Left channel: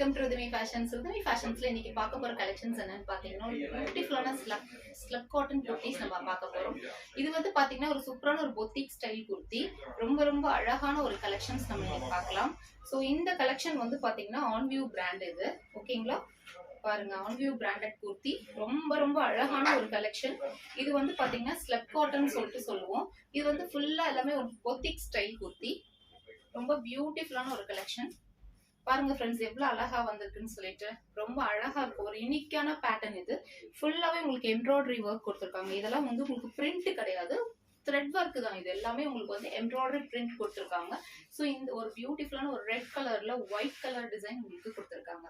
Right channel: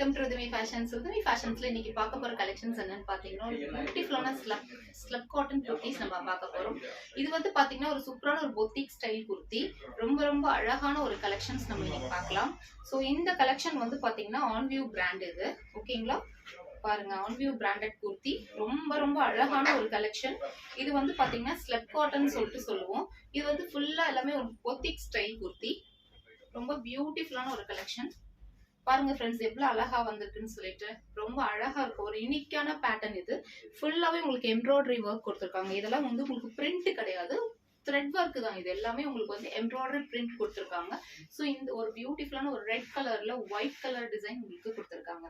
Welcome to Rithami fashions. Rithami ஃபேஷன்ஸ்ல இன்னைக்கு பார்க்க போற கலெக்ஷன்ஸ் என்னன்னு பாத்தீங்கன்னா பியூட்டிஃபுல்லான ஸ்லப் காட்டன் குர்த்திஸ் நம்ம பார்க்க போறோம். இது வந்து பாத்தீங்கன்னா ஒரு சூப்பரான ஒரு பொத்திக் ஸ்டைல் குர்த்தி, ரொம்ப ரொம்ப அழகான ஒரு கலெக்ஷன்ஸ் நம்ம இன்னைக்கு பார்க்கலாம். ஸோ இந்த கலெக்ஷன் வந்து பாத்தீங்கன்னா ஆன்வியூ பிராண்ட் இது, ஓகேங்களா? பாருங்க, ஆன்வியூ பிராண்டட் குர்த்தி, ரொம்ப ரொம்ப அழகான ஒரு கலெக்ஷன். இது வந்து பாத்தீங்கன்னா ஸ்லப் காட்டன் சொல்லிட்டு சொல்லுவோம். இது வந்து ஃபுல்லா எல்லாமே ஒரு பொத்திக் ஸ்டைல் குர்த்தி, ரொம்ப பியூட்டிஃபுல்லான ஒரு கலெக்ஷன். பாருங்க ஃப்ரெண்ட்ஸ், எவ்வளவு அழகா வந்திருக்குன்னு சொல்லிட்டு ரொம்ப அழகா இருக்கும். ஒரு யூனிக்கான பேட்டர்ன். இது ஃபுல்லாவே உங்களுக்கு எம்ப்ராய்டரி ஒர்க் கொடுத்துருக்காங்க. இதெல்லாம் வந்து உங்களுக்கு பிரிண்ட் கிடையாது, த்ரெட் ஒர்க் தான். இது எல்லாமே உங்களுக்கு வந்து எம்ப்ராய்டரி பிரிண்ட் கொடுத்துருக்காங்க. ஸோ இந்த ஒரு பியூட்டிஃபுல்லான ஒரு ரெட் கலர்ல ஒயிட் கலர் டிசைன் உங்களுக்கு கொடுத்துருக்காங்க.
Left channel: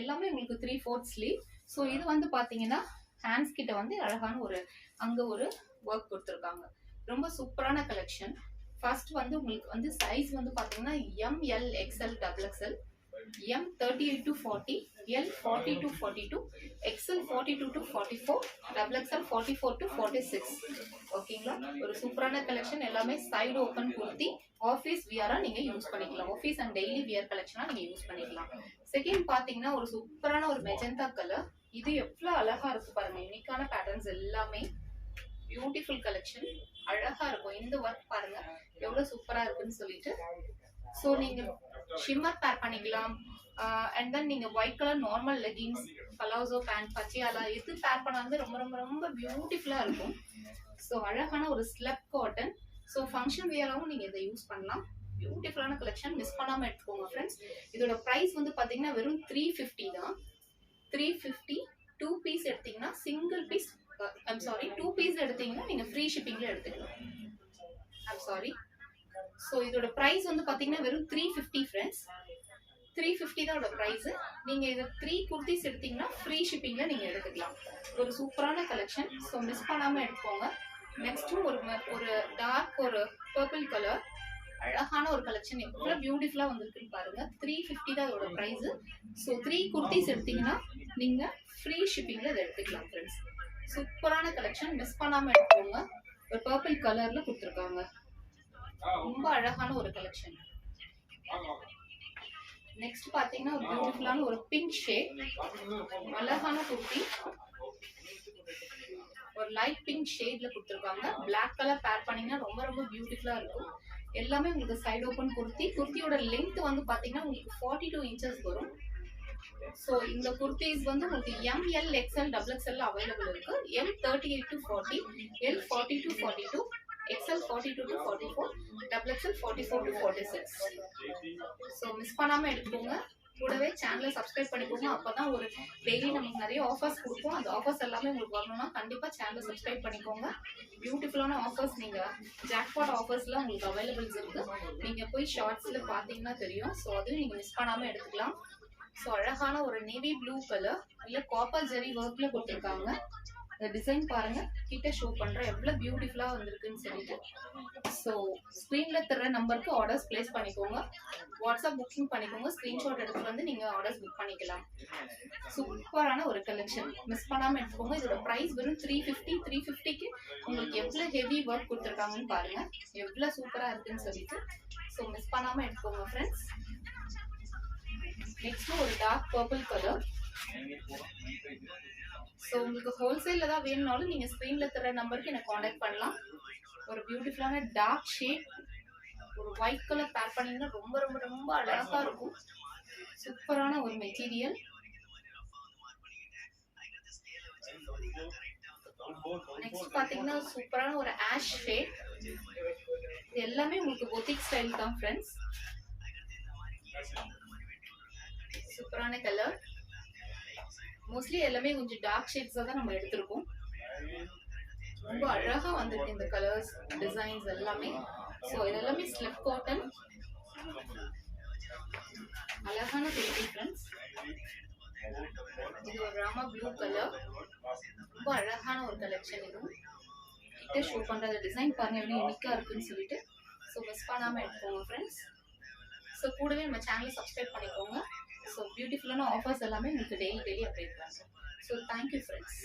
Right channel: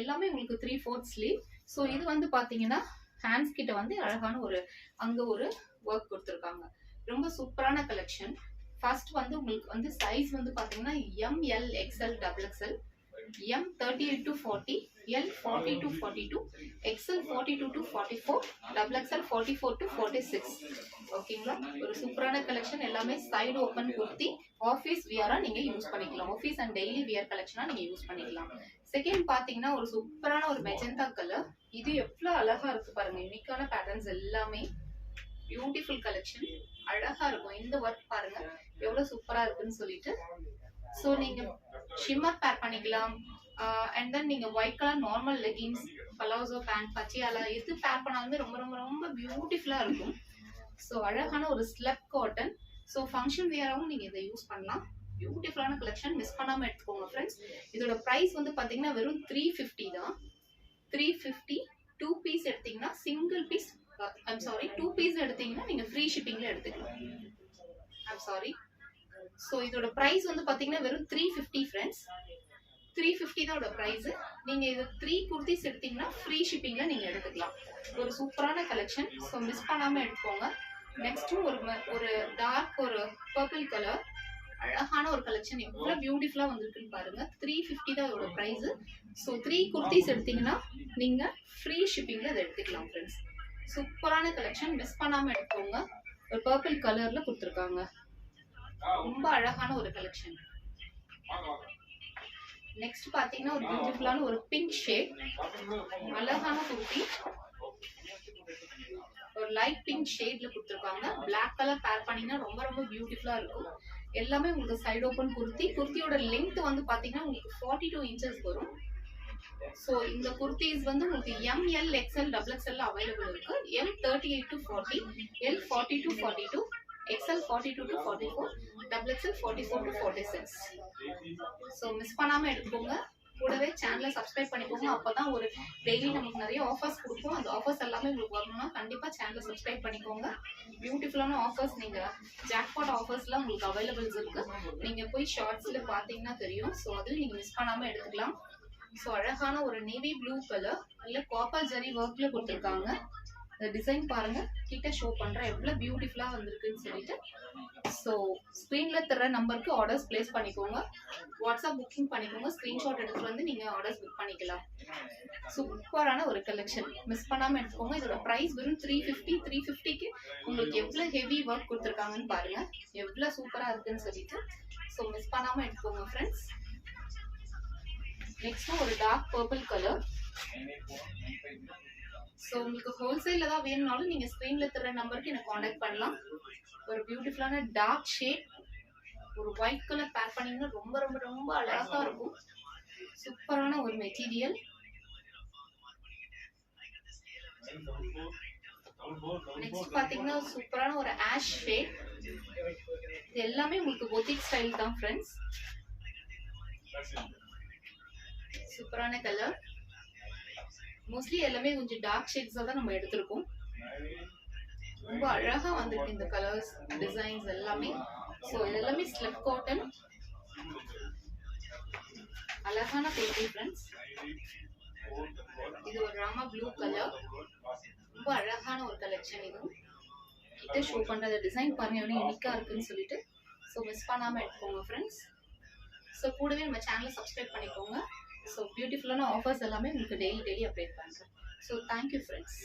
எல்லாமே உங்களுக்கு 3/4 ஸ்லீவ். ஸோ இது வந்து பாத்தீங்கன்னா ஹேண்ட்ஸ் கிட்ட வந்து அழகான ஒரு அங்க ஒரு ஒர்க் கொடுத்துருக்காங்க. ரொம்ப சூப்பரான கலெக்ஷன். ஃபர்ஸ்ட் வந்து உங்களுக்கு வந்து சைஸ் வந்து பாத்தீங்கன்னா ML XL XXL, M 38 to 40, L 40 to 42, XL 42 to 44, XXL 44 to 46. ஓகேங்களா? ஒரு சூப்பரான கலெக்ஷன். எல்லாமே சைடு ஓபன் குர்த்தி, ஆபீஸ் வியரா நீங்க யூஸ் பண்ணிக்கலாம். ஆபீஸ் அண்ட் டெய்லி வியர் கலெக்ஷனா நீங்க யூஸ் பண்ணிக்கலாம். செகண்ட் பாத்தீங்கன்னா ஒரு சூப்பரான ஒரு மெஜந்தா கலர். இது எவ்வளவு அழகா இருக்கு பாருங்க. யூனிக்கான பேட்டர்ன்ஸ் எல்லாமே பியூட்டிஃபுல் கலெக்ஷன், அழகா இருக்கும். இந்த ஒர்க் பாருங்க எவ்வளவு சூப்பரா இருக்குன்னு சொல்லிட்டு. சோ நீங்க ஷிம்மர் பேர் பண்ணிக்கலாம். அண்ட் தென் நீங்க white colour normal leggings, palazzo pant, Patiala எது பேர் பண்ணாலும் ரொம்ப ரொம்ப ரொம்ப பியூட்டிஃபுல்லா இருக்கும். ஸோ அழகான ஒரு ஸ்லப் காட்டன். ஸோ ஃபங்க்ஷன் வியராகவும் நீங்க இதை யூஸ் பண்ணலாம். பியூட்டிஃபுல்லான கலெக்ஷன், மிஸ் பண்ணாம எடுத்துக்கோங்க ஃப்ரெண்ட்ஸ். இதோட பிரைஸ் வந்து பாத்தீங்கன்னா வெறும் 350 தான். 350. 2 பீஸ் எடுத்தீங்கன்னா சிங்கிள் பீஸ், டூ பீஸ் எடுத்தீங்கன்னா நீங்க ஃப்ரீ ஷிப்பிங்ல எடுத்துக்கலாம். ஸோ இதோட பிரைஸ் வந்து பாத்தீங்கன்னா வெறும் 350 ஃப்ரெண்ட்ஸ். 350 தான் இதோட பிரைஸ். நீங்க இது 3 குர்த்திஸ் எடுத்தீங்கன்னா ஃப்ரீ ஷிப்பிங்ல நீங்க எடுத்துக்கலாம். ஒரு சூப்பரான கலெக்ஷன். ஸோ மிஸ் பண்ணாம எடுத்துக்கோங்க. நெக்ஸ்ட் ஒரு டார்க் ஒரு பர்பிள் கலர், அழகான ஒரு கலெக்ஷன். எவ்வளவு பியூட்டிஃபுல்லா வந்திருக்குன்னு பாருங்க. 350 தான் இதோட பிரைஸ். ஸோ 3 குர்த்திஸ் எடுத்தீங்கன்னா நீங்க ஃப்ரீ ஷிப்பிங்ல இதை எடுத்துக்கலாம் ஃப்ரெண்ட்ஸ். சூப்பரான கலெக்ஷன், மிஸ் பண்ணாம எடுத்துக்கோங்க. ஒரு பர்பிள் கலர்ல கொடுத்துருக்காங்க. ரொம்ப அழகான ஒரு கலெக்ஷன். நெக்ஸ்ட் பாத்தீங்கன்னா ஒரு பியூட்டிஃபுல்லான ஒரு பிங்க் ஷேட், அழகான குர்த்தி. ஒரு லைட் பிங்க் ஷேட்ல கொடுத்துருக்காங்க. பிளாக் கலர் பேர் பண்ணீங்கன்னா ரொம்ப ரொம்ப பியூட்டிஃபுல்லா இருக்கும். எல்லாமே உங்களுக்கு சைடு ஓபன் குர்த்தி. குர்த்தியோட லென்த் வந்து பாத்தீங்கன்னா உங்களுக்கு 42 இன்ச்சஸ் வரும். சோ இந்த குர்த்திஸ் வந்து உங்களுக்கு ML XL XXL அவைலபிள் இருக்கு. M 38 to 40, L 40 to 42, XL 42 to 44, XXL 44 to 46. So miss பண்ணாம எடுத்துக்கோங்க. கூடவே சேனலை சப்ஸ்கிரைப் பண்ணிக்கோங்க. அப்பதான் ஒரு டெய்லி நமக்கு நிறைய ஆஃபர்ஸ் கொடுப்போம். அந்த ஆஃபர்ஸ் எல்லாமே உங்களுக்கு வரணும்னா கண்டிப்பா சேனலை சப்ஸ்கிரைப் பண்ணிக்கோங்க. பியூட்டிஃபுல்லான ஆஃபர்ஸ், நீங்க ஜாக்பாட் ஆஃபர்ஸ்லாம் உங்களுக்கு அவைலபிள்ஸ் இருக்கு. நீங்க போய் ஷார்ட்ஸ்ல பாத்தீங்கன்னா தெரியும். ஸோ அதையும் நீங்க மிஸ் பண்ணாம எடுத்துக்கலாம். ஸோ அழகான ஒரு நேவி ப்ளூ கலர், இல்ல காப்பர் ஜரி ஒர்க்ல கொடுத்துருக்காங்க. இந்த டிசைன் பாருங்க, கிட்ட ஷோ பண்றேன் எவ்வளவு பியூட்டிஃபுல்லா வந்திருக்குன்னு சொல்லிட்டு. ஸோ ஸ்கிரீன்ல தர நம்பருக்கு ஆர்டர்ஸ் பிளேஸ் பண்ணிக்கோங்க. வாட்ஸ்அப் புக்கிங் பண்ணிக்கோங்க. ஸ்கிரீன்ஷாட் எடுத்துட்டு வந்து நீங்க ஆர்டர்ஸ் புக் பண்ணிக்கலாம். சூப்பரான ஒரு கலெக்ஷன், மிஸ் பண்ணாம எடுத்துக்கோங்க. இதோட பிரைஸ் வெறும் 350. 350க்கு உங்களுக்கு எவ்வளவு ஹெவி ஒர்க் கொடுத்துருக்காங்கன்னு பாருங்க, எவ்வளவு சூப்பரா இருக்குன்னு சொல்லிட்டு. ஸோ மிஸ் பண்ணாம எடுத்துக்கோங்க ஃப்ரெண்ட்ஸ். நெக்ஸ்ட் ஒரு டார்க் பர்பிள் கலர். ஸோ உங்களுக்கு ஹோல்சேல்ல தான் வேணும்னாலும் நீங்க ஸ்கிரீன்ல தர நம்பருக்கு என்ன காண்டாக்ட் பண்ணலாம். ஒரு பியூட்டிஃபுல்லான டார்க் ஷேட், ஒரு ஒயிட் கலர் பேர் பண்ணீங்கன்னா ரொம்ப ரொம்ப ரொம்ப அழகா இருக்கும். சூப்பரான ஒரு மெட்டீரியல். நெக்ஸ்ட் பாத்தீங்கன்னா சூப்பரான ஒரு ஆஷ் ஷேட். இது எல்லாமே உங்களுக்கு பொத்திக் ஸ்டைல் தான் ஃப்ரெண்ட்ஸ். சூப்பரான கலர். மோஸ்ட்லி எல்லாமே கொஞ்சம் டார்க் ஷேட்ஸா தான் நம்ம எடுத்திருக்கோம். ரொம்ப அழகா வந்திருக்கு இந்த கலர்ஸ், டிசைன்ஸ் எல்லாமே. ஸோ இது எல்லாமே ஸ்லப் காட்டன், அழகான குர்த்தி ஃப்ரெண்ட்ஸ். இது ஒரு ராமா ப்ளூ கலர், ரொம்ப அழகான ஒரு கலெக்ஷன். இதுவும் கிட்ட ஷோ பண்ற டிசைன் பாருங்க எவ்வளவு யூனிக்கா இருக்குன்னு சொல்லிட்டு. ஸோ மிஸ் பண்ணாம எடுத்துக்கோங்க ஃப்ரெண்ட்ஸ். ஸோ கூடவே நம்ம சேனலை சப்ஸ்கிரைப் பண்ணிக்கோங்க. ஸோ பியூட்டிஃபுல்லான ஆஃபர்ஸ் எல்லாமே உங்களுக்கு டெய்லி அப்டேட் பண்ணுறேன். So thank you friends.